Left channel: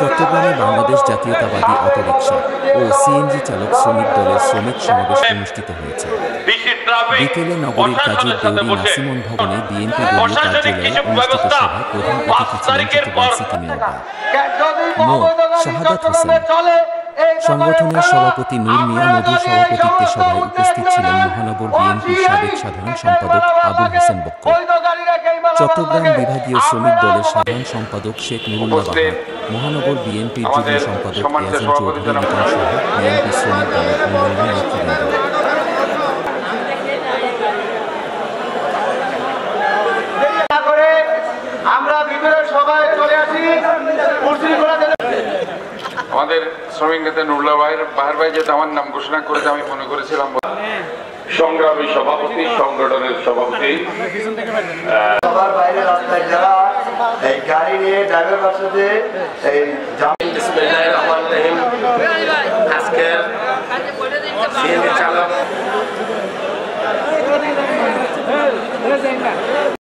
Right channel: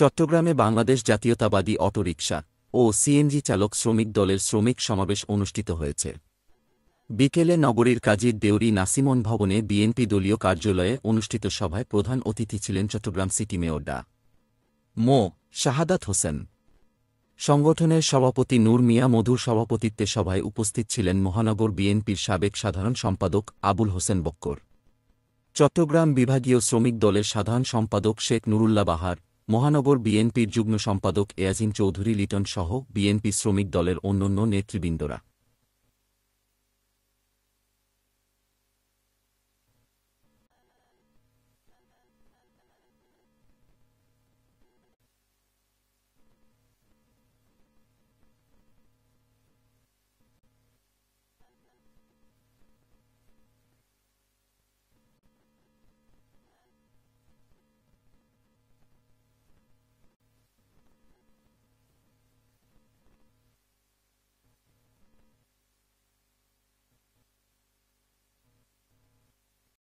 চট্টগ্রামে বাংলাদেশ জাতীয়তাবাদী অটোরিকশা ও সিএনজি চালক শ্রমিক দলের শ্রমিক সমাবেশ অনুষ্ঠিত হয়েছে। বিকেলে নগরীর কাজীর দেউরি নাসিমন ভবনে বিএনপি দলীয় কার্যালয়ে অনুষ্ঠিত সভায় প্রধান অতিথি ছিলেন চট্টগ্রাম সিটি মেয়র ডা. মো. শাহাদাত হোসেন। সংগঠনের সভাপতি নূর মিয়া মধুর সভাপতিত্বে সভায় উপস্থিত ছিলেন মহানগর বিএনপির সাবেক সাধারণ সম্পাদক আবুল হোসেন বক্কর, চট্টগ্রাম বিভাগীয় শ্রমিক দলের সাধারণ সম্পাদক শেখ নুরুল্লাহ বাহার, মহানগর বিএনপির যুগ্ম সম্পাদক এয়াজিম চৌধুরী লিটন সহ বিএনপি শ্রমিক দলের অন্যান্য নেতৃবৃন্দ। আমাদের শ্রমিক নেতা নুরুল্লাহ বাহার ভাই যেহেতু আমার নাম ঘোষণা করেছে, আমি মনে করেছিলাম সংগ্রামী সভাপতি, সংগঠনের সভাপতি, সবার বাইরে রাস্তায় যারা এই গাড়ি নিয়ে ড্রাইভার বাসাতে এই বিসমিল্লাহির রহমানির রহিম। আজকের সিএনজি চালক